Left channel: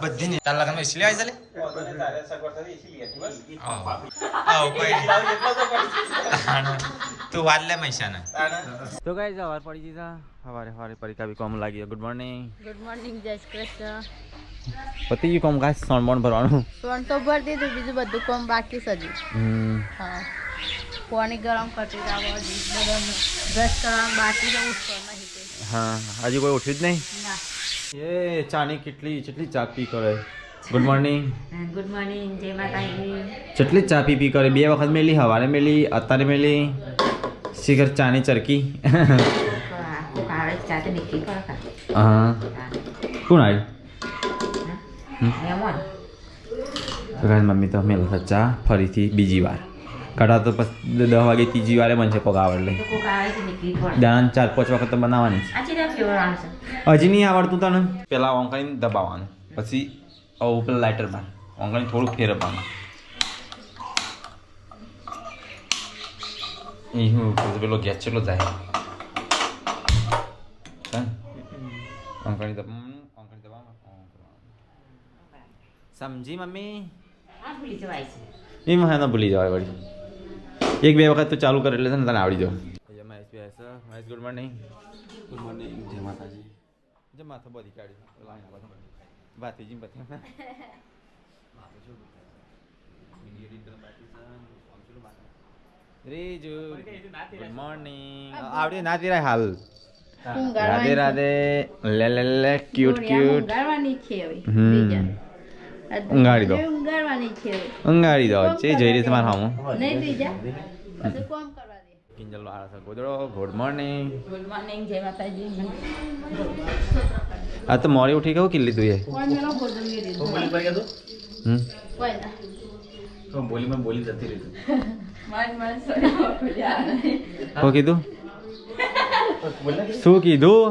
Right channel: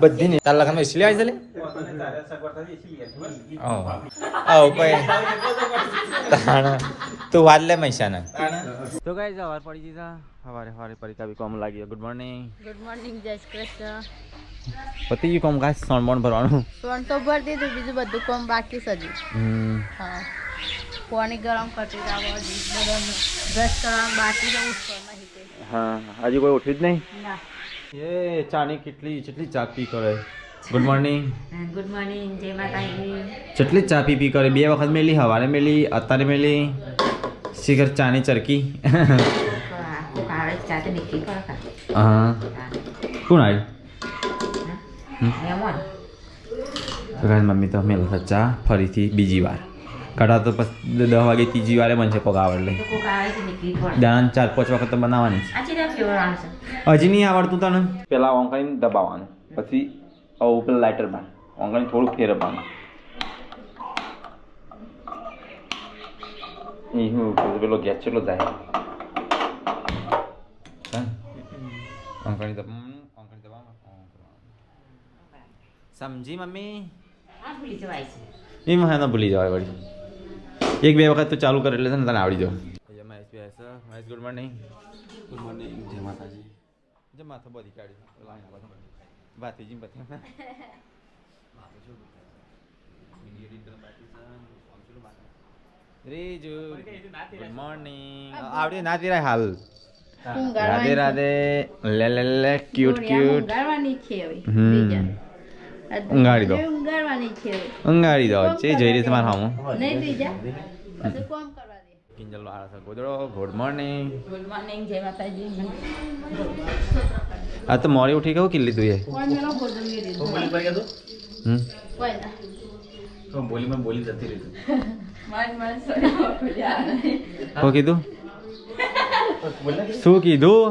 બધી ને તાર લગનમાં એસી આવી છે તું વાત લે મૈસાના તો ગાઈસ સવાર પડી ગઈ છે હવારે પરીક્ષા બી કોમ લાગી ગુડ મોર્નિંગ જય શ્રી કૃષ્ણ પતિ ગયું કોમ ખાસ સોણ ભરવાનું સોણ તો ભરી દીધું બીજું બધું કોમ બાકી છે હજી હા પાણી ગરમ કરતી બ્રશ કરવાનું બાકી છે ઉઠવા નહીં હા હજી કોઈ ઉઠ્યું જ નહીં ના એ ચાની કેટલી ચા પી કરે ગુડ મોર્નિંગ જય માતાજી કેટલી ચા પી કરે 2 વખત મેલી હવારે મેલી અત્યારે મેલી શિખર ચાની ચરકી હા કોણ આવ્યું મમ્મી તો મેલ ચા ફરીથી બીજી વાર કઢા તો પછી 10 વાગે ત્રીજી વારે બનશે કોક આવડ લઈ દાણા 4-5 વખત તો બનાવવાની હજી નહીં આવડતું તને પેલા ઓંકાઈને દબાવવાનું પછી આવું પેલા લાઇટર બાર ઓંકાઈને થોડુંક ફેરવવાનું એ હું પેલો ગેસ ચેટલો જાય ઓંકાણી દબાવવાનું સમજી મમ્મી એમાં હા ભૂલી જવાય વળી 1-2 વખત તો ચાલુ કરે એટલે છે ને તને આવડી જાવ મહેશ ગુડ મોર્નિંગ જય માતાજી જય માથા બધી કાઢી ભાતીજી બધી રીજુ ગુડ મોર્નિંગ આવડી ના તેરા હાલ રાધે રાધે લે ક્યુટ ઊંઘાડવાની છે હવે ઊંઘાડી દો ઊંઘાડી દો છે જઈ રહી તમારા હામો નહીં બીજા પછી કોમ કરવા દે કિંજલ વાળા છે ગોદડો ગુડ મોર્નિંગ જય માતાજી આ તો મોડી ઉઠી કેવું કિલ્લી તું એ કોણ મેલો ગોદંગી દીધું બોલી પર ગયા કોઈ ના તો બોલીમાં બોલી જતી રહી માન સોના ખુલ્યા શું કીધું શું કીધું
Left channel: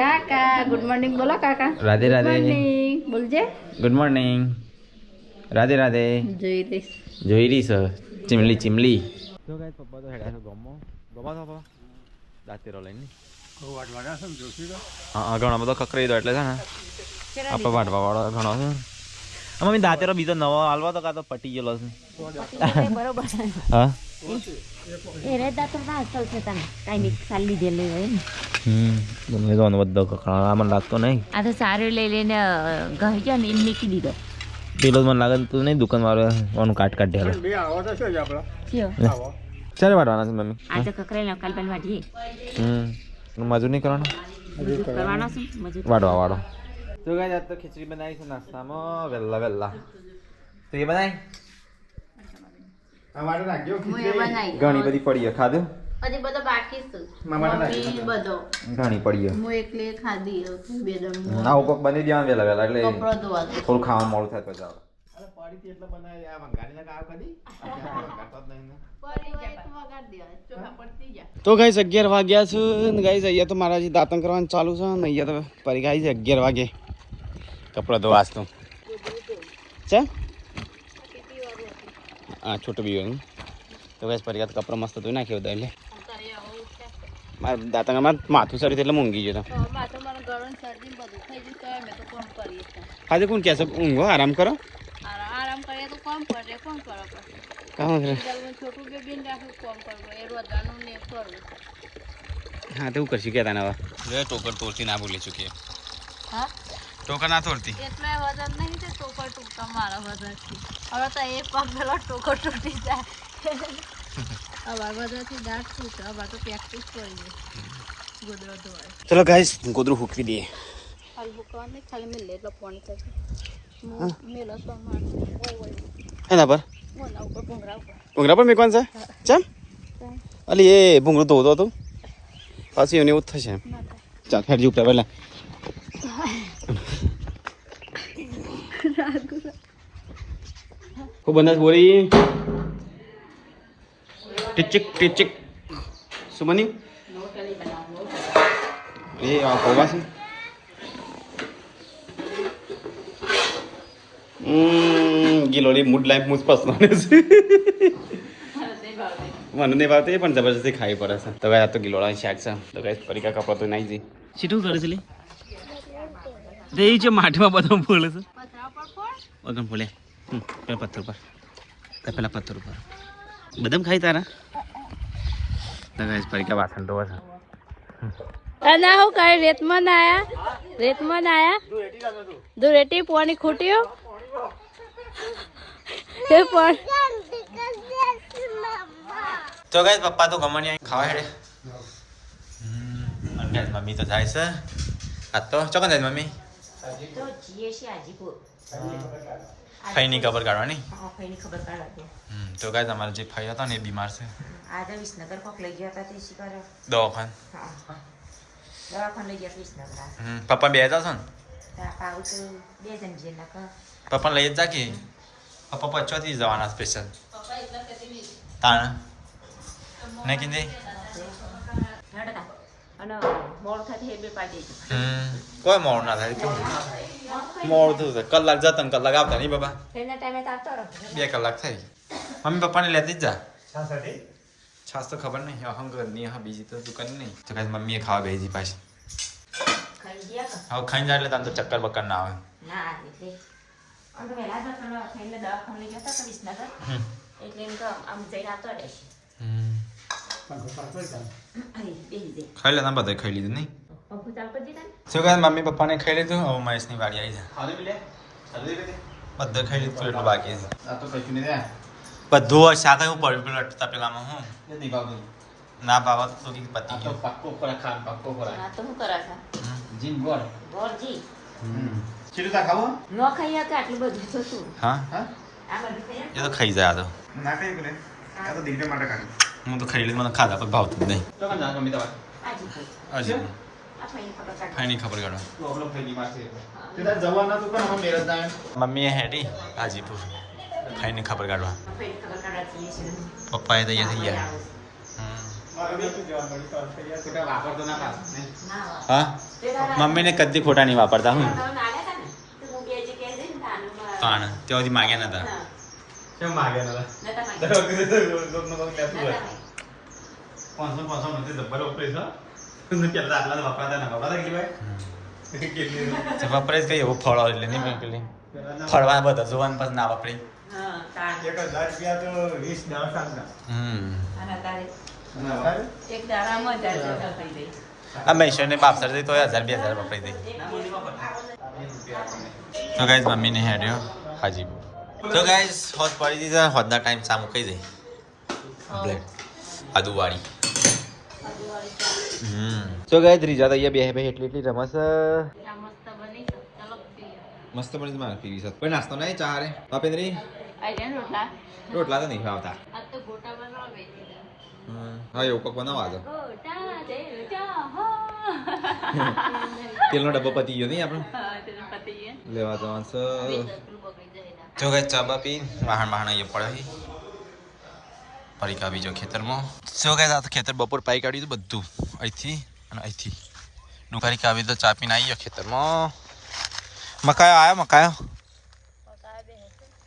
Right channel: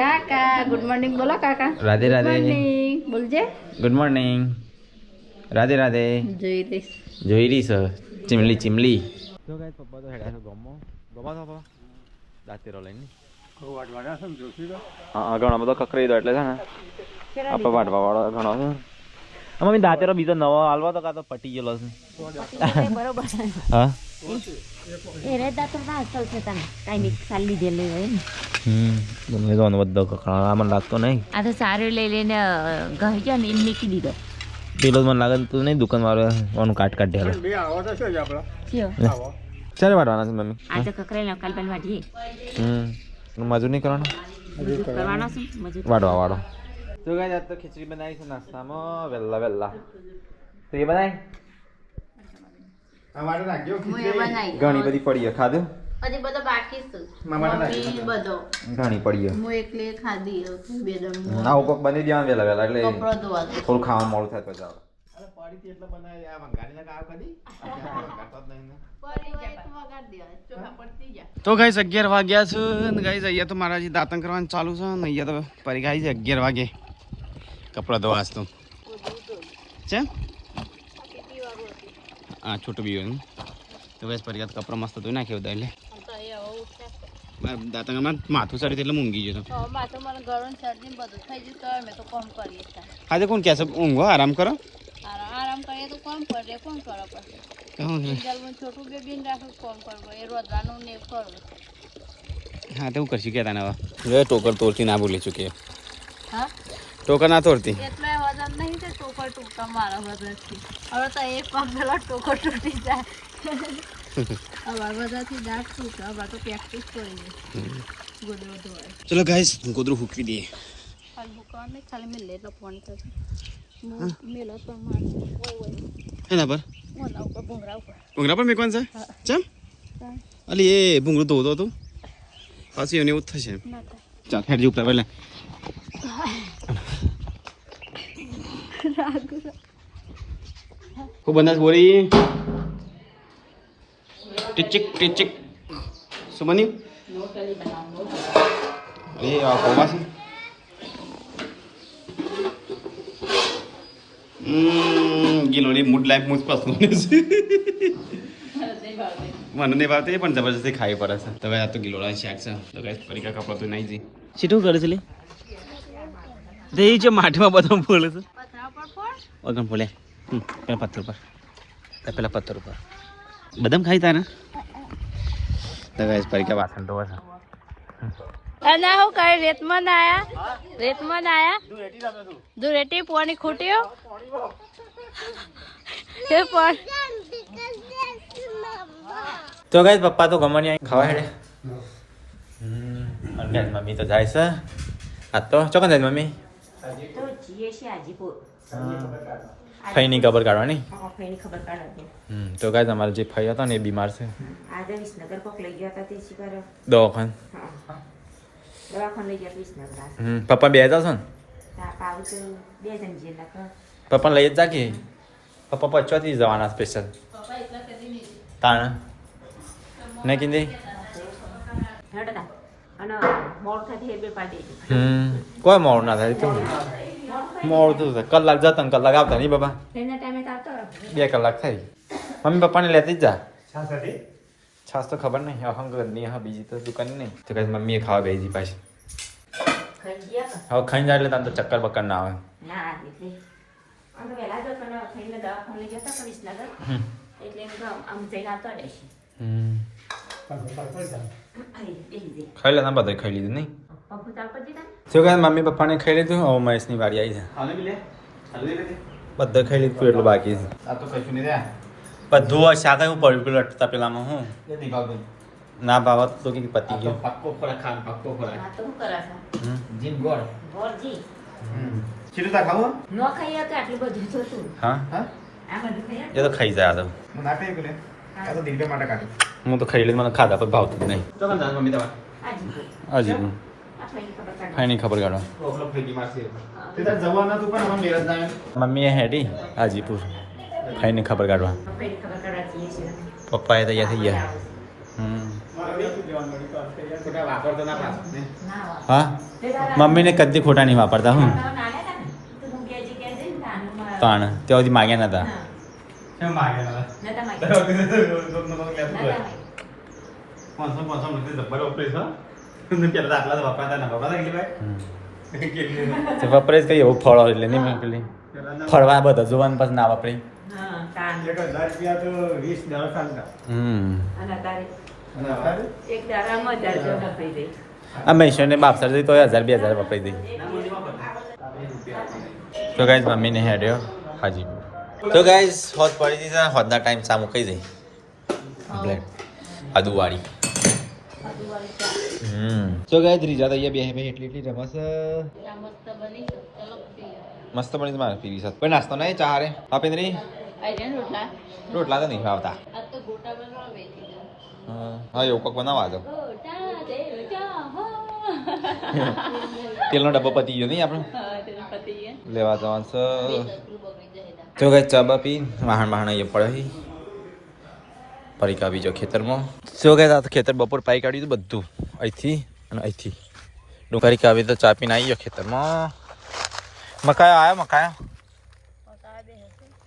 કાકા ગુડ મોર્નિંગ બોલો કાકા રાધે રાધે બોલજે ગુડ મોર્નિંગ રાધે રાધે જોઈ રહી સર ચીમલી તો ગાય પપ્પા તો હેડા છે ગમો તો પપ્પા દાંતેરો લઈને હા ઘણો બધો કકરાઈ દો એટલે છે ને આપણે વાટવા વાળો ઘણો છે મમ્મી દાંતેરો બીજો નવો હાલવા તો કાં તો પટી ગયેલો છે બરોબર હા એ રેતા તો ના અસલ છે તને કાઈ ની સાલ લીધેલી હોય ને ગમે તો બધો કકડા મને લાગતો નહીં આ તો સારું લઈ લઈને ગઈ ગયા ને એમ નીકળી દીધો પેલો મને લાગે તું નહીં દુકાન વાળો ઓનું કાટ કાઢેલો ચાલે વાટવાના છે મમ્મી આ તો કકરેલા કાલ પેલ વાટીએ મજૂર નહીં કરવાનો કરવાનો છે મજૂર વાડવા વાળો તો ગાય આજ તો ખીચડી બનાવી છે નાસ્તામાં વહેલા તો એ બનાવી ઘણી બધી પડી ખાધું હજી બધો બાકી છે મમ્મી બધો ઘણી પડી હું એકલે ખાધી બે દમ આવું કોક બની દેવાનું વહેલા એટલે કપડો ધોવા થોડું ખાવાનું મોડું થાય તો જાવ તો ગાઈસ 11 વાગ્યા છે ને ગાઈસ અહીંયા તો મારા જે દાંતણ કરવાનું ચાલુ છે ને અહીંયા તો પરી ગાઈસ 11 વાગે કપડા ધોવાસ તો છે હા છોટું બીવાનું તો ગાઈસ પરી તો કપડા મસ્ત ધોઈ નાખ્યો હતા એટલે મારા દાંતણમાં માથું સરી એટલે મૂંગી ગયો આજે કોણ કહે છે ઊંઘો આરામ કરો આરામ કરીએ તો કોમ કરે કોણ કરો કામ કરે છોટું બેબીને રાખું કોમ કરવું એ રોજવાનું ને કરવું હા તો હું કરશું કે તને હવે ટોકર તોડતી ના ભૂલી ચૂકી હા ટોકર ના તોડતી એટલે વજન નહીં છે ટોકર તૂટતા મારા વજનથી હવે તો એક પગ પેલો ટોકર તૂટી જાય હવે વજનથી દાંત તૂટે હવે તો પ્રેક્ટિસ કરવી ગોદડો ધોવાય ચલો ગાઈસ ગોદરું ફૂંકી દઈએ ખાલી ભૂકવાની ખાલી મેં લે તો પાણી થશે મેલો તો મારે એના પર મોના ઉપર ભૂંગરા ઉપર ભૂંગરા પર મેકવાનું છે ચમ અલી એ ભૂંગરું ધોતો તું પાછી એને એવું જ થશે ચાલ હેડ ઉપર પહેલા હું બનાસ બોલી ટીચિક શું બની એ આ પૌવા છે ગિલોડી મૂડ લાઈફ મૂડ પસંદ છે મને નહીં ભાવતી પણ જબરજસ્તી ખાવી પડે છે તો આ તો ગિલોડા શાક છે તો ગાઈસ પરીકા કપડા તો નાઈ જઈ સીધું કરે છે લી દેઈ છે માઠમાં બધો ફૂલ છે ઓગમ ફૂલે પેલા પથ્થર ઉપર પેલા પથ્થર ઉપર બદામ ખાઈ તારા તો ગાઈસ પરીકા વાસણ તો છે ના હું કઈ રેતમાં આયા દુરેટી પોણી ખૂટ્યું કે પણ તો ગાઈસ પપ્પા તો ગમવાની ખાવા હેડે ગાઈસ મમ્મી તો જાય છે આ તો ચોકન જાય મમ્મી ફઈ ની ખબર કાઢવાની તો ગાઈસ અમારો જે ફઈ હતો ને એ બીમાર છે દવાખાન પપ્પા બે જાવ છો ને પપ્પા લઈ જ જા કે પપ્પા પચવાથી જવાના સ્પેશિયલ તાણા નહીં કીધી કોઈ મોડું ના થાય મોડું કલાક જતા ને કલાક આવતા નહીં બાબા 2 કલાક થાય મમ્મી પપ્પાને લેતી જ જા છાસ તો ખબર નહીં અહંગની હા બીજી તો દુકાન નહીં તો કઈ મમ્મીએ ખાવા બેસી પાછી હવે ખાઈ જાય એટલે તાર તો ચક્કર બક્કર ના આવે ખાઈ લેતા બધા ખાઈ લીધું નહીં શું કહે મમ્મી પપ્પાને ખાઈ લીધું હવે મહેશની વાડી આવી છે બધા ખાઈ લીધું એટલું બાકી છે બધું શાક હું પડ્યું પેલું અટતા પેલામાં હું ના ભાવ તો કે પતી ગયો હા એ તો ખાઈ જાય તો હું તો ખાઈ લીધું મને ખાધા પણ ભાવતું જ નહીં હજી ફાઈની ખબર કાઢવા મમ્મીએ હેડી હાજીપુર ખાઈને ખબર કાઢવા પપ્પાએ તૈયાર થઈ ગયા હા મમ્મીને કદી ખોટા નહીં વાપરતા હું તાણ ત્યાંથી માગ્યા નતા વાપરે જ કઈ એવું ફળો એટલે નહીં મેં પેલી ફળવા બધા જોવાનું પછી ના વાપરે અમે ઈશ્વરને બાપસર જઈ તો 1000-2000 વપરાઈ દઈ તો ગાઈઝ મમ્મીને હેડ્યો હાજીપુર તો ગાઈઝ હોત પડી દીધા હોતના ટાઈમ સામું કઈ જઈ બ્લેક આદુવાળી તો ગાઈઝ રીજા તો અહીંયા બે એટલી રમસ મસ્ત બની મારે પીવી સાથે કોઈ નાસ્તો નહીં ચા રે પાપેન્દ્રી રોટલા તો નહીં આવતા હા એવું કોક બનાવવા દો તેલનો ડબ્બો પતી ગયો નહીં આપણો લેવા જવાનું છે તો કઈ ચા બા પી વાહણ અહીંયા પડે પરીકા બીજો ખેતરમાં શું કહે આ ખેતર બપોર પાઈ કાઢ્યું હતું બધું અહીંથી અને અહીંથી ડુંગરી કાવી તો ચા પીને આવી ગયો ખેતરમાં મકાયો આવ્યો મકાયો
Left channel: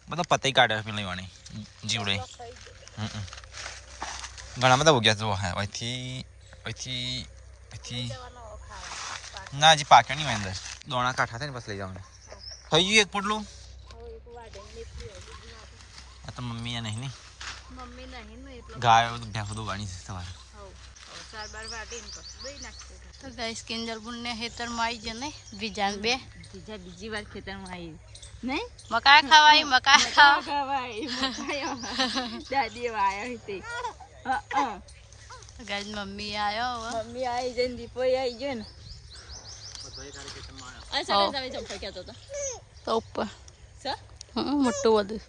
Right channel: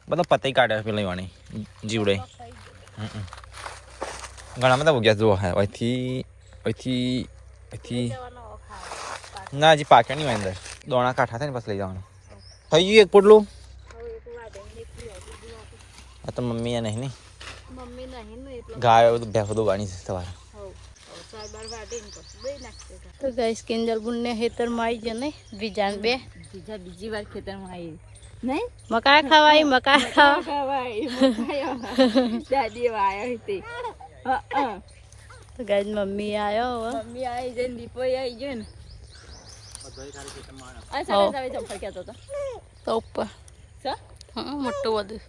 બધા પતઈ કાઢે પેલી વાણી જીવડે ઘણા બધા ઉગ્યા જુઓ હા અહીંથી ના હજી પાક્યા નહીં અંદર દોણા કાંઠા થાય ને બસ લઈ જવાનું થઈ ગયું એક પોટલું આ તો મમ્મી નહીં ને ગાય ભેંસો વાણી છે સવારે તો ગાઈસ કિંજલ બુનને ખેતરમાં આવી ગયા નહીં બીજાન બે બીજી વાર ખેતરમાં આવી નહીં મકા ખાવાય મકા ખાવાય દાદી આયા હતી તો ગાઈસ મમ્મી આવ્યો મમ્મી આવી જઈને દીપો આવી ગયો ને તો ઉપર મોટું બધું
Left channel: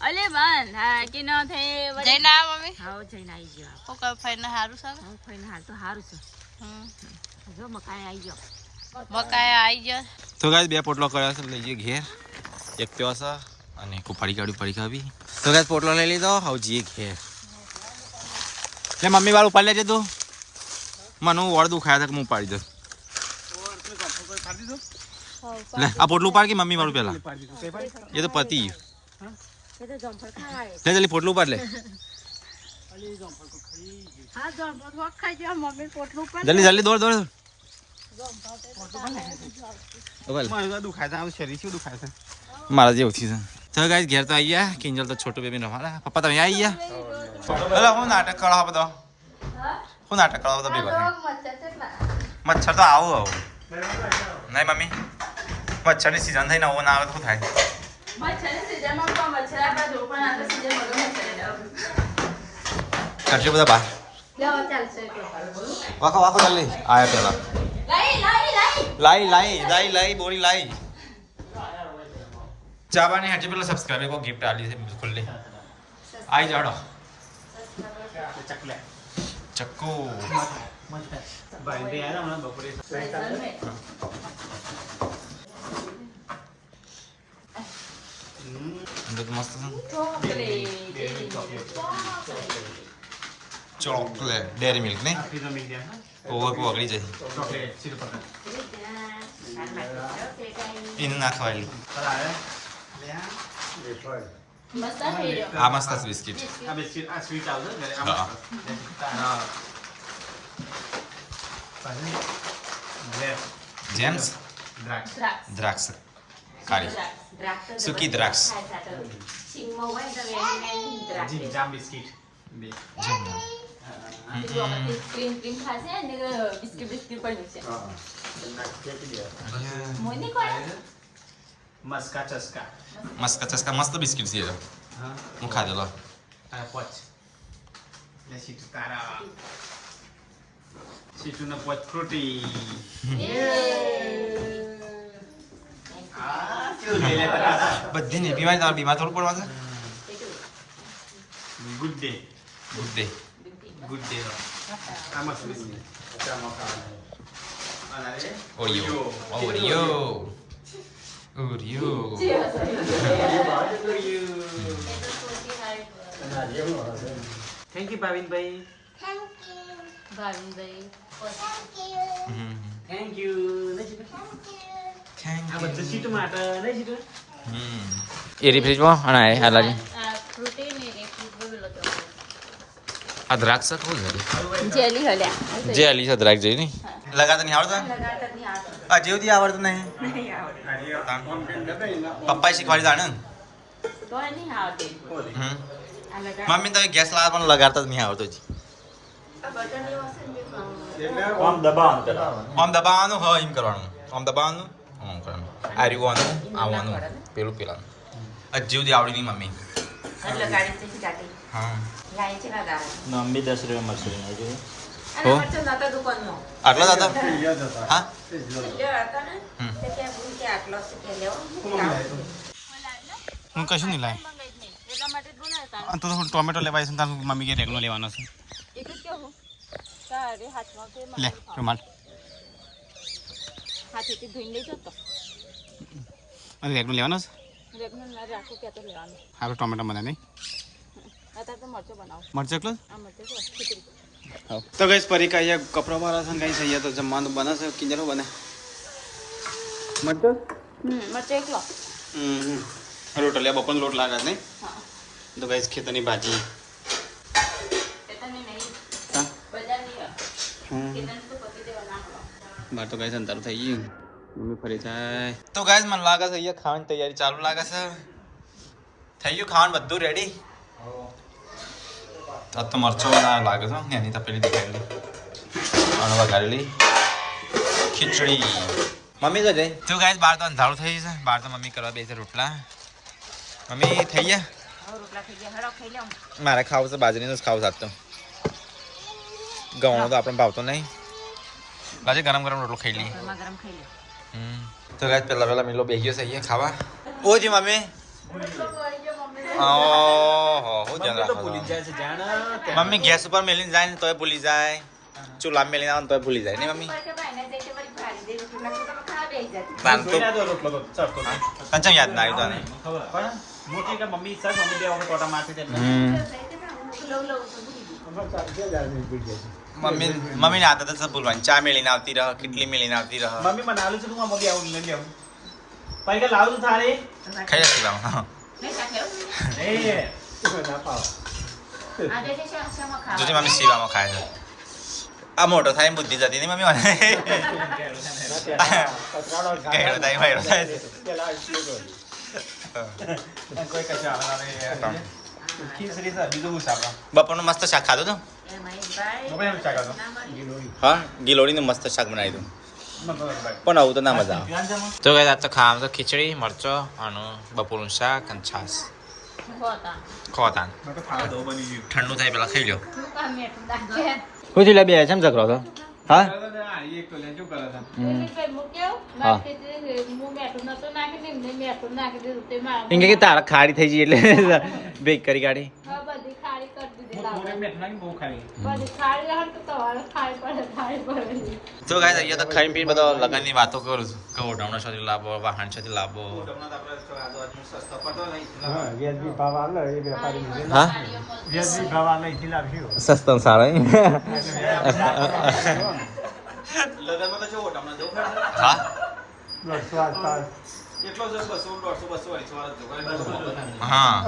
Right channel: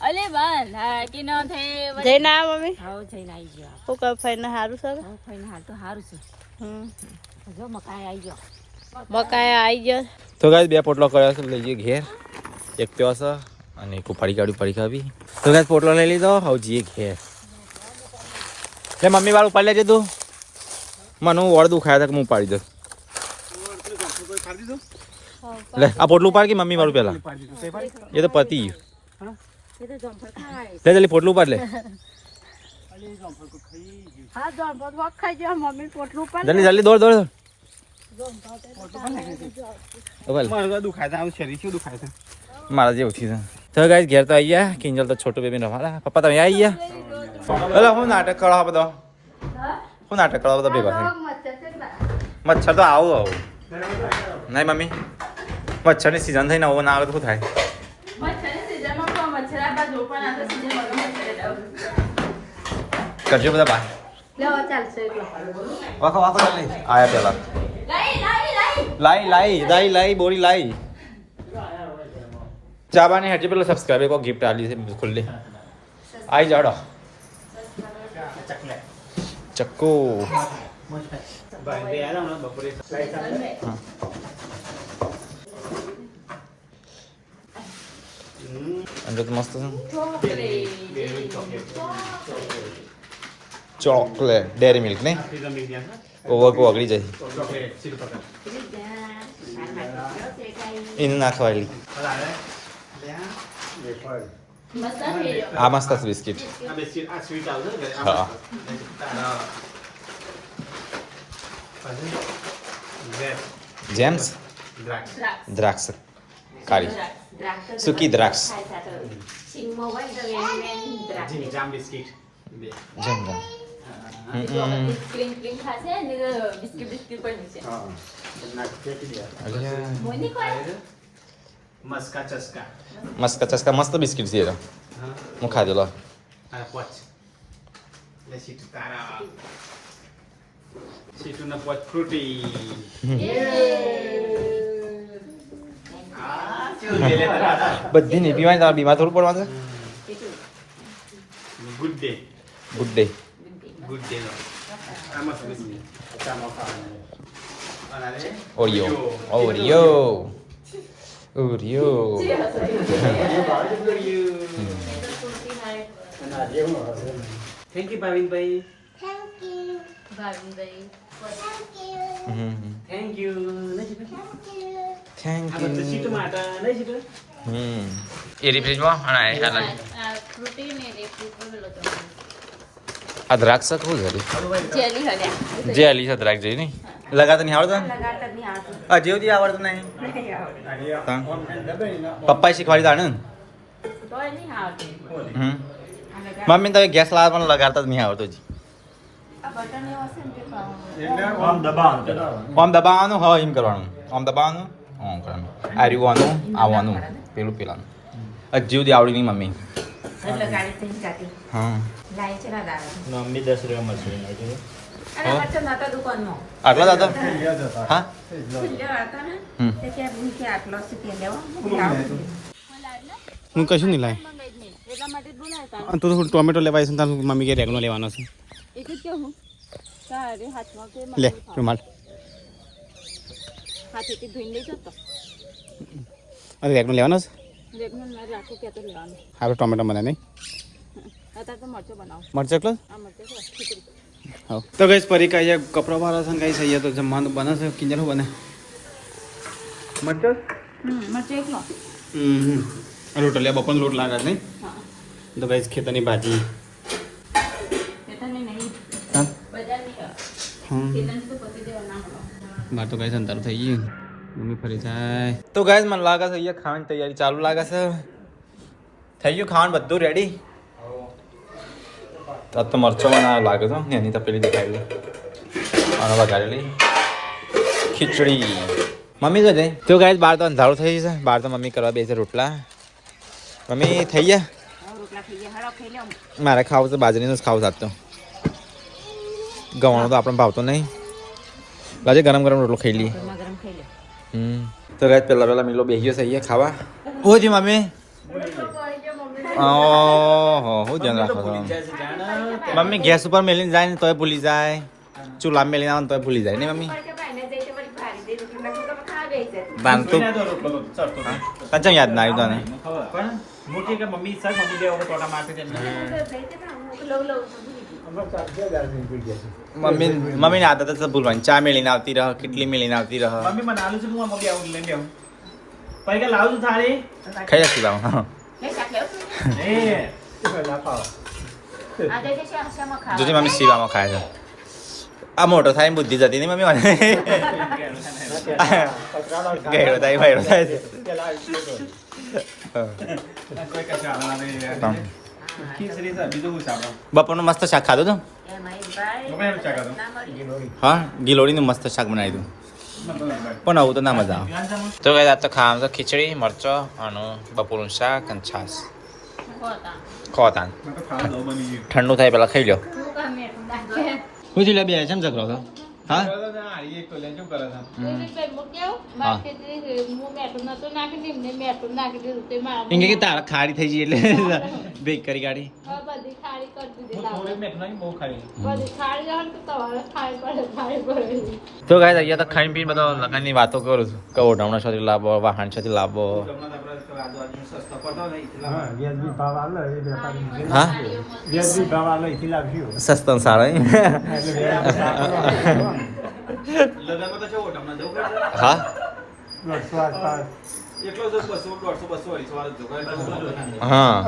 અલે બાન હા કે ન થઈ જઈને આ મમ્મી હા જઈને આવી ગયો હું કહું ફઈને સારું છે ફઈને હાલ તો સારું છે જો મકાઈ આવી ગયો તો ગાઈસ બે પોટલો કર્યો છે લઈ જઈએ ઘેર એક પ્યો છે અને એક ઉપાડી કાઢ્યું પડી ખાવી તો ગાઈસ પોટલો લઈ લીધો હવે જઈએ ઘેર લે મમ્મી વાળું ઉપાડી લેજે તું મને હું વળ દુખાયા હતા કે હું ઉપાડી દઉં લે આ પોટલું ઉપાડ કે મમ્મી વાળું પેલા એ તો પતી એ તો જમફળ ખાય લે જલ્દી પોટલું ઉપાડ લે હા જમફળ તો ખાઈ જાય મમ્મી પોટલું પણ જલ્દી જલ્દી દોડ દોડ મારે દુખાય છે શરીર શું દુખાય છે મારા જેવું છે તો ગાઈસ ઘેર તો આવી ગયા કિંજલ તો છોટું બેબી રમાડા પપ્પા તમે આવી ગયા પેલા હું નાટક કરો બધો હું નાટક કરો બધો ભેગો થાય મચ્છર તો આવું નહીં મમ્મી મચ્છરની સિઝન થઈને આવું ના આવે તો શું થાય કરજો બધા બહાર વાખો વાખો જલ્દી આયા પેલા લાઈ બોરી લાઈ ચાબાની હેઠી પેલા સબસ્ક્રાઈબર કો ગિફ્ટ આલી છે ખુલ્લી આઈ જાડો ચક્કુ અંદર તો મસ્ત ચોકલેટ ડેરી મિલ્ક ને ઓગળી જાય એને નાખવાયેલી આ મસ્ત છે બિસ્કિટ હા જેમ્સ દ્રાક્ષ કાળી સૂકી દ્રાક્ષ જામ બિસ્કિટ જમ જમ ક્રીમ ખાશે ને બિસ્કિટ પણ છે મોની કોણ મસ્કા ચસ્કા મસ્ત ચસ્કા મસ્ત બિસ્કિટ છે હું ખાધો લો પોચ લે સીટ તારા સીટુના પોચ ફ્રૂટી બધી નહીં પીવાની તારા બીમાર થોડું પડવાનું good day good day good day આ મસ્ત biscuit Oreo thank you Bhavinbhai thank you thank આ બધું સીટ માટે નહીં સીટ એરી ફ્રીજમાં અને આ લાગે ફ્રૂટી ને એક ફ્રૂટી લો તો આ દ્રાક્ષ કોણ ઘરે જેલી હલ્યા જે આલી છે દ્રાક્ષ જઈ નહીં લગાતા નહીં આવડતા લગાતા નહીં આવતું આ જેવથી આવડતું નહીં નહીં આવડતું પપ્પાએ શીખવાડી તાણે તો નહીં આવતી મમ્મી તમે ગેસ લાવે પણ લગાડતા જ નહીં આવતો જ આ બટન લેવો હશે ને તે આમ દબાવવાનું હા એમ કરવાનું આમ દબાવવાનું આમ કરવાનું આ રીવાનું આવવાનું પેલું પેલાનું હજી આવડી નહીં મમ્મી એટલે ગાડી થઈ કાટી હા લાઈ છે ના નામ બી 10 રૂપિયા મળશે અરે હો? વચ્ચે નતો દુકાનનો આટલા જ હતા હા સિંજો હતા ને હમ. તે કે હું કે આટલો સી લેવો હું કશું નહીં લાય એટલા માટે જ બોલાવતા તો ટોમેટો લેવા છે તાર મમ્મી કે રેગનો લેવાનો છે એક જ કેવું તારે હાથમાં કે લે રૂમાલ હાથેથી ધોઈને લઈ જાવ તો અરે રેગનો લેવાનો છે રેગનું ના રાખો કે તો લેવાનું આપણે ટોમેટો બનાવે નહીં અત્યારે તો મરચો બનાવો મરચા એકલો આ મરચો છે ખીચડી તો ગઈ પરી કહીએ કપડા મારો છે કઈ થઈ તો જમવાનું બને છે કિંજલ શું બને મરચો મરચો એકલો રોટો લે બપોર લોટ લાગે નહીં તો ગઈ ખેતરની ભાજી બેટાને નહીં હા બજારી હા ખેતન તો પતિ દેવા ના મળે બાર તો ગઈ અંતર થઈ ગયું મમ્મી ફરી જાય તો ગાઈસ મને લાગે છે અહીંયા ખાવાની તૈયારી ચાલુ લાગે છે થઈ ગયું ખાવાનું બધું રેડી તો આ તો મરચો બનાવ લાગે છે એની તો પેલી દેખાયેલી અને વઘારેલી ખીચડી મમ્મી તો છે તો ગાઈસ બહાર તો અંધારું થઈ છે બહાર તો મમ્મી કરવા બેસે રોટલા મમ્મી થઈ ગયા રોટલા થઈ ગયા હળો ખાઈ લો મારે ખાવું છે બાજરીનું જ ખાવું સાત તો ગવાનું તો આપણે ભાવતો નહીં લાજે ગરમ ગરમ રોટલો ખાઈ લઈએ ગરમા ગરમ ખાઈ લો તો ગાઈસ પેલા મિલો બેસ્યો છે અહીંયા ખાવા હું જી મમ્મી ઓહો હું ધ્યાન રાખો છો મમ્મી ગેસ ઉપર મેલીને જાય ને તોય ભૂલી જાય ચૂલા મેલીને આવે ને તોય ભૂલી જાય ને મમ્મી તાન તો તને ચમ યાદ ના આવ્યું તને મમ્મી સર મમ્મી બે વખત ટોટા મારતી મમ્મીની આદત જ ભૂલવાની ચા મેલીને આવતી રહ કેટલી મેલીને આવતી રહ મમ્મી મને આલું છું હું મમ્મી આવું લઈ લેવું પૈકા લાવું છું થાળી ખાઈ રાખી બાબા જોજી મમ્મી સીવામાં ખાય છે આ મોટો થાય ને બુદ્ધિ જતી નહીં મમ્મી મને ગયડો થાય ભયડો થાય છે બપોરનું મસ્ત શાક ખાધું તું હા ગિલોડીનું મસ્ત શાક બનાવી દઉં પણ આવું તો ના મજા આવે તો કઈ તો ખાવાનું તો ખીચડી મરચો અને બપોરનું શાક અને છાસ ખોતાન ઠંડુ થાય પેલા ખાઈ લો શું થયું બે છે ઝઘડો તો હા એમ કે તારા ખાડી થઈ ગઈ એટલે બેક કરી કાઢી તો ગાય અહીંયા તો ખાઈ પીને બધા લગનની વાતો કરું છું કે ઓઢામણા સુધી લાવો વાહન સુધી લાવો સસ્તો સારો હા હા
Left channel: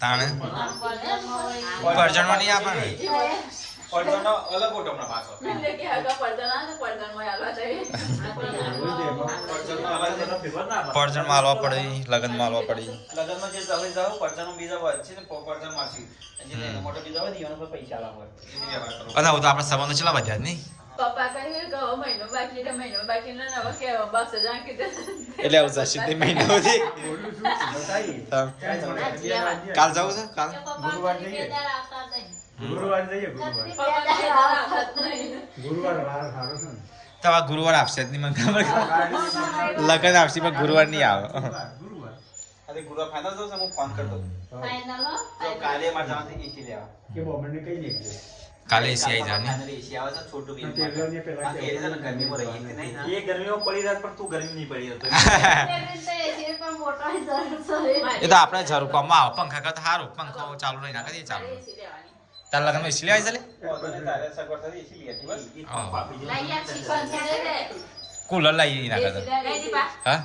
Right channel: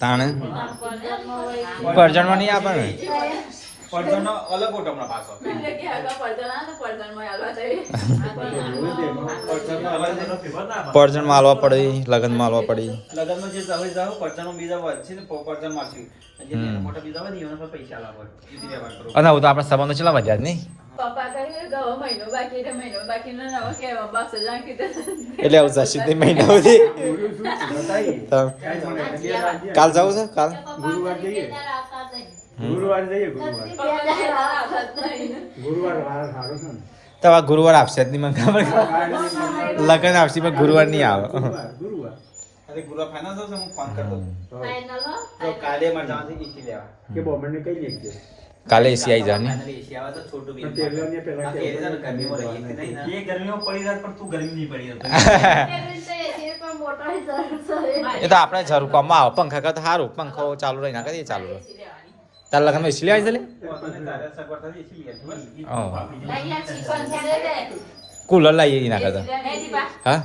તાણે પરજણમાં નહીં આપે ને પરજણ માં હાલવા પડે લગન માં હાલવા પડે અને હું તો આપણા સંબંધો ચેલા વધ્યા જ નહીં એટલે આવું જશે તે મહિના સુધી કાલ જવું છે કાલ ગુરુવાર જઈએ તો આ ગુરુવાર આપશે જ નહીં મને ખબર લગન આપશે પણ ગુરુવાર નહીં આવે કાલે એસી આવી જા ને એ તો આપણે જરૂર કામમાં આવે પંખા કરતા સારું પંખો ચાલુ રહી ના કરીએ ચાલુ રહે તાર લગનમાં એસી આવી છે કુલર લાવીએ એના કરતા હા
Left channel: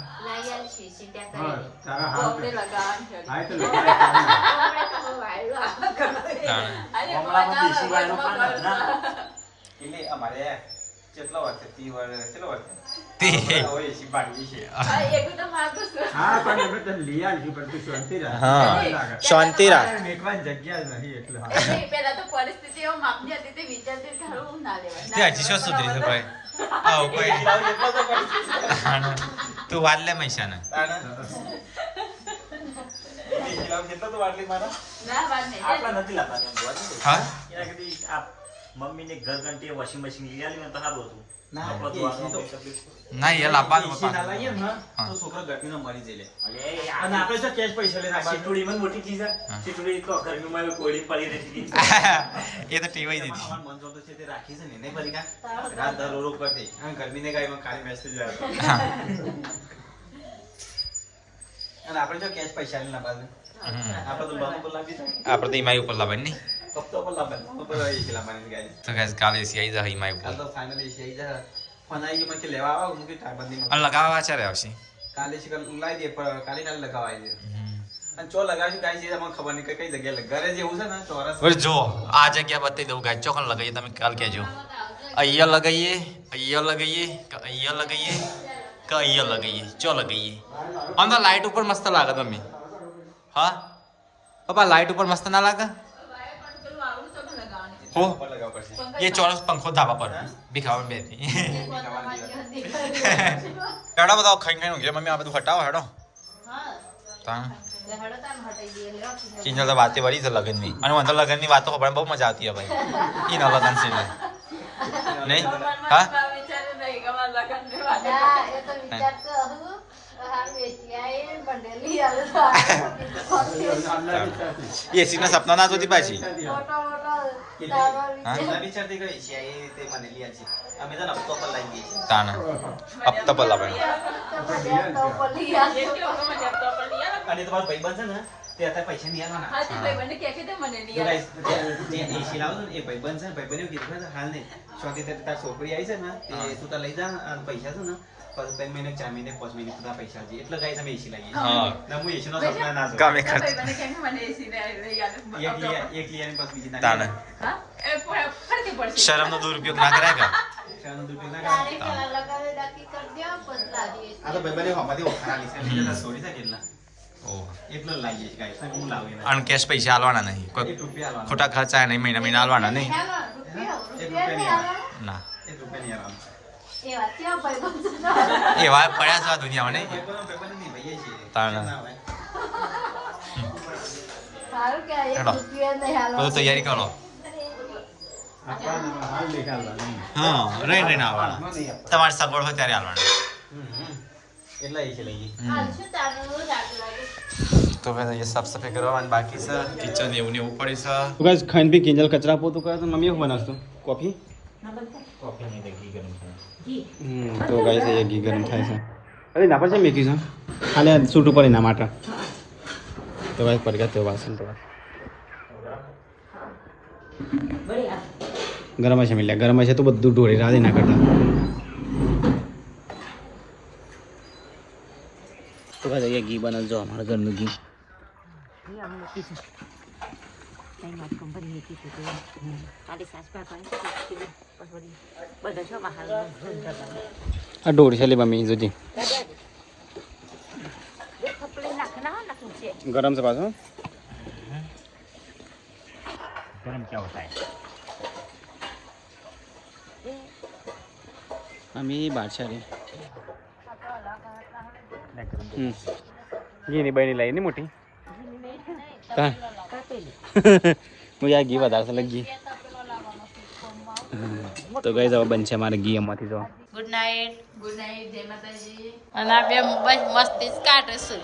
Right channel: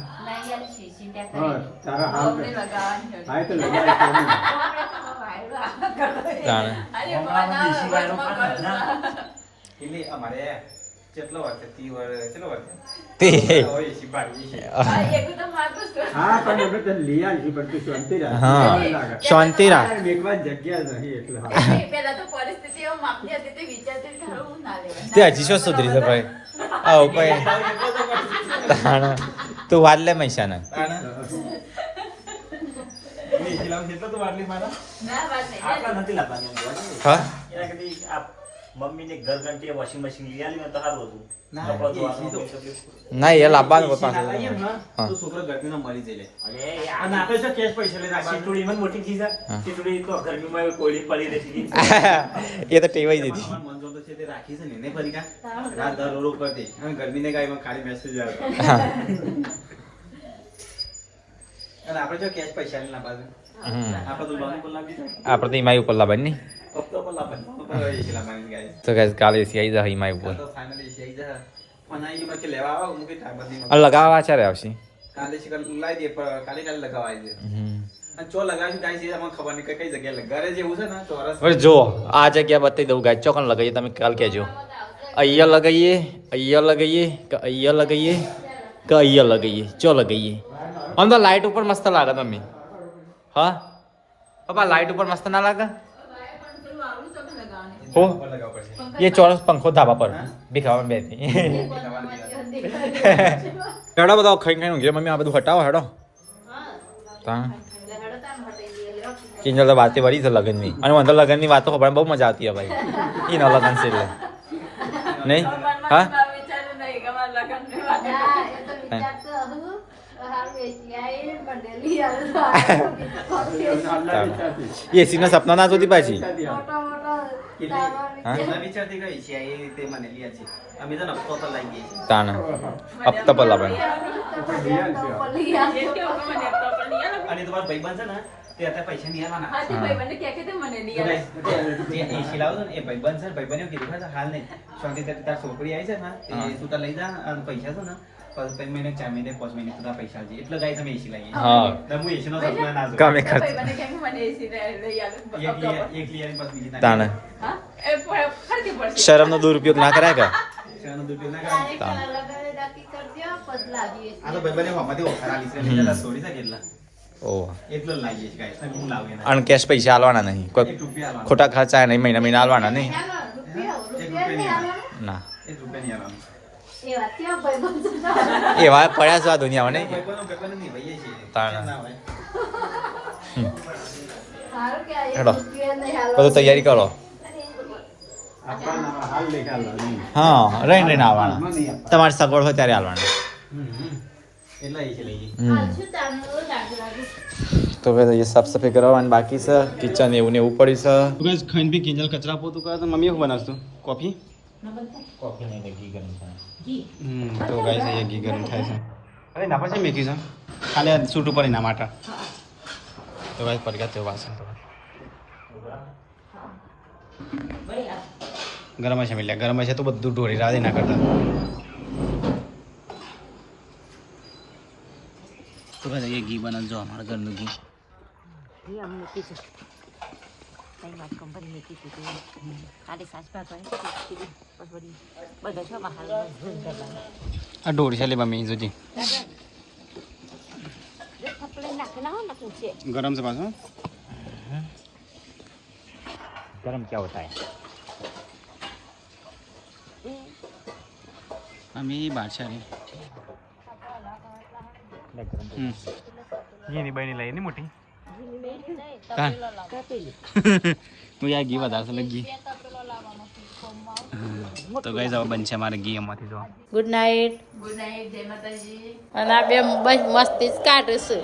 શાંતિ તે હજી શું સુધરી છે ભાઈ આવું કોઈ તું વાત લે મૈસાના હા મમ્મીને ઘર ઘંટી વોશિંગ મશીન લઈ આલી તો સારું હતું ના એ લાવવાનું પાછળ તો છોકરા ગરમીનો મરી જઈ લે અને આપણે જો કેશ પૈસા લે સીટોડી મન મોટી ચીજ સીટોડી તો ગરમીમાં કોઈડી પડી રહી એ તો ટેવાઈ દીધી મંજોર તો છે તે રાખી છે ને ફરી કા રાત દર રોરો કરતી અને ગરમીને ગાયમાં ખાલી મેસેજ આવ્યો અને આપણે જો કેશ પૈસા લે ના પાછળ આપણે તો બામુ બોલાવી આપણે તો ઈમાઈ ઉપર લાવવાની નહીં કપતો પર લાવવાની તો બરાબર એકલા મારી ગાય તો ગાઈસ કાલે એસી આવી જાય ઈમાઈ ઉપર તો ફાઇનલી જઈ જા પણ આ ઈમાં કે લેવા આવે હું કે ટાઈમ બદલી અને લગાવવા ચારે આવશે કાલે શિકલ લાવી દે પણ કાલે લગાવાય દે અને ચો લગાવશે કાઈ છે મને ખબર નહીં કઈ જગ્યાએ લગાવે ઘરે જેવું છે ને ચોરસ હવે જો આ જગ્યા બતાવી દઉં ગાય ચોકન લગાવીએ તમે કાલ કહેજો અહીંયા લગાવીએ કે અહીંયા લગાવીએ કે અહીંયા લગાવીએ ચો લગાવીએ આમ તો લાઇટ ઉપર મસ્ત લાગે તમે હા પપ્પા લાઇટ ઉપર મસ્ત ના લાગે હો ये ચોરસ પંખો ધાબા પર ભીખાવા બેઠી હેડો બધા ખાઈ ખાઈને ઊંઘી મમ્મી આ બધું હટાવો હેડો તા કિંજલ તો વાતે વળી છે લગનની અને અંદર લગનની વાતો ખબર બહુ મજા આવતી હે ભાઈ એ ન લગન છે એટલે નહીં હા એસી ના સપના ના જોતી પાછી તાના હપ્તા પર લાવે અને તમારા ભાઈબંધ છે ને તે અત્યારે પૈસા નહીં આલવાના. હા, તે ભાઈબંધને કહે કે તે મને નહીં તો આવે. જે AC લાવજો ને એ ભાઈબંધ છે ને ભાઈબંધે એવું કીધું કે હાલ નહીં શાંતિથી તાર છોકરી આવી છે ને તે તું તાર લઈ જા અને પૈસા છે ને પછી મહિને 4 મહિને 5 મહિને તું તાર પૈસા આપજે. એટલે ગાઈસ અમે AC લાવીએ. હા તો હું AC નો સપના ના જોઉં. કામે ખર્ચ ભાઈબંધને કહે કે મને એસી લઈ આલો. એક લઈ આવીને પછી બીજી તાણે હા? એ ફરતી પડશે. શરમનો દુરુપયોગ ના કરાય કે શાનું દૂધ ના કરાય. તાણે. લગાવી રાખી કરજો, પછી લાવીએ. આ તો ભાઈબંધે હમાથી ઓફર આલી છે બીજા તાર છોડી છે કેટલા ઓહ એટલો જ લાવીએ છે ગાઈસ. હું લાવું એના અનકેશ પૈસા આલવાના નહીં કોઈ 1 રૂપિયા આલવાનો. ખોટા ખર્ચા નહીં મહિના આલવાના નહીં ચાલો, રૂપિયા રૂપિયા નહીં નહીં ના 1 રૂપિયા નહીં આલવાનો. એ વાત કેવા ભાઈબંધ છે. એવા પડ્યા છે આ દુનિયામાં નહીં ભાઈબંધ નહીં ભાઈએ છીએ. તાણે. ના હોય. સારું કે આ એક હેડો. રૂપિયા નહીં હાલવા. બધું તૈયારી કરો આપવાના હાલ નહીં આલવાનું. હા રહીને આવવાના તમારી સગવડ હોય ત્યારે આવવાના એટલા AC લઈએ. હાલશું તારનું લાગવાનું. તો ભાઈ સાફ સફાઈ કરવાની બાકી છે કિચન એવું ને એવું પડ્યું છે તો ગાઈસ ખાઈને બી કિંજલ કચરા પોતું કરે તો મમ્મી શું બનાવશું કોફી કોફી નહીં ઘી ગરમ તો ગાઈસ એ ઘી ગરમ થાય છે અરે ના પછી મેકી છે ખાલી સૂટ ઉપર એના માટે તો ગાઈસ પર ગયા તે વાસણ તો ગરમ છે મિલ્યા ગરમ છે તો બધું ઢોળી રાધી ના કરતા તો ગાઈસ અહીંયા ઘી બનાવજો હમણાં ઘરનું ઘી આ ઢોળી છે લે મમ્મી જોજી ગરમ છે પાછું ગરમ ક્યાં હોતા है મમ્મી બાદશાહી ઘીની બની લઈ ની મોટી હું યાર ઘી વધારે છે ઘી તો ગઈ જવા બનશે મારે ઘી એમાંથી તો ગુડ નાઇટ. Good night. જય માતાજી. અને આ બે બસ મસ્તી જ કાઢીશું.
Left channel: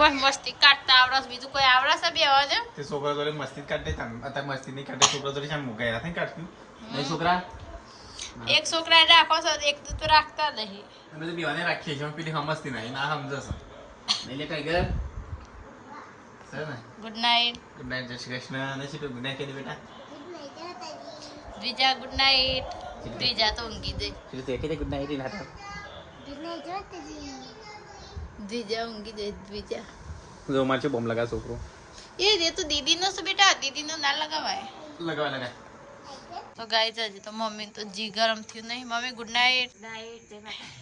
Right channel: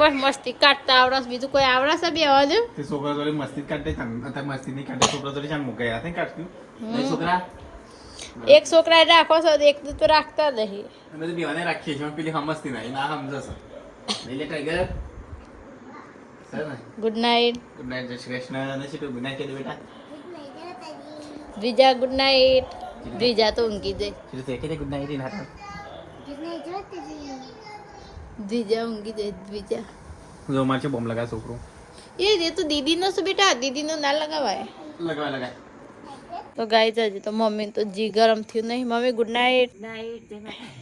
બસ મસ્તી કાઢતા આવડે બીજું કોઈ આવડે છે બે અવાજ તે છોકરા જોડે મસ્તી કાઢે અત્યારે મસ્તી નહીં કાઢે છોકરા જોડે શાન મુકાઈ નથી કાઢતું છોકરા એક છોકરા રાખો છો એક તો રાખતા નહીં. અમે તો બેવાને રાખીએ છીએ પેલી સમજતી નહીં ના સમજશે એટલે ટાઈગર સર ને ગુડ નાઇટ. ગુડ નાઇટ જય શ્રી કૃષ્ણ અને શું ગુડ નાઇટ બેટા દ્વિજા ગુડ નાઇટ. દ્વિજા તો ઊંઘી જાય. શ્રી કે ગુડ નાઇટ ના દ્વિજા ઊંઘી જાય. દ્વિજા જો માર છે બોમ લગા છોકરો એ તો દીદીનો છે બેટા. દીદીનો ના લગાવાય. લગા તો ગાય હજી તો મમ્મી તો જી ગરમ થયું નહીં. Mummy good night.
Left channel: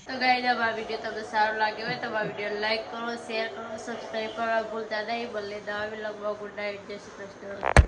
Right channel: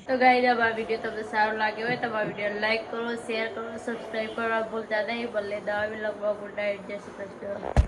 તો ગાય અમારા વિડીયો તમને સારો લાગ્યો હોય તો અમારા વિડીયો લાઈક કરો, શેર કરો, સબસ્ક્રાઈબ કરવા ભૂલતા નહીં. ભલે દવા બી લગવા. Good night. જય શ્રી કૃષ્ણ.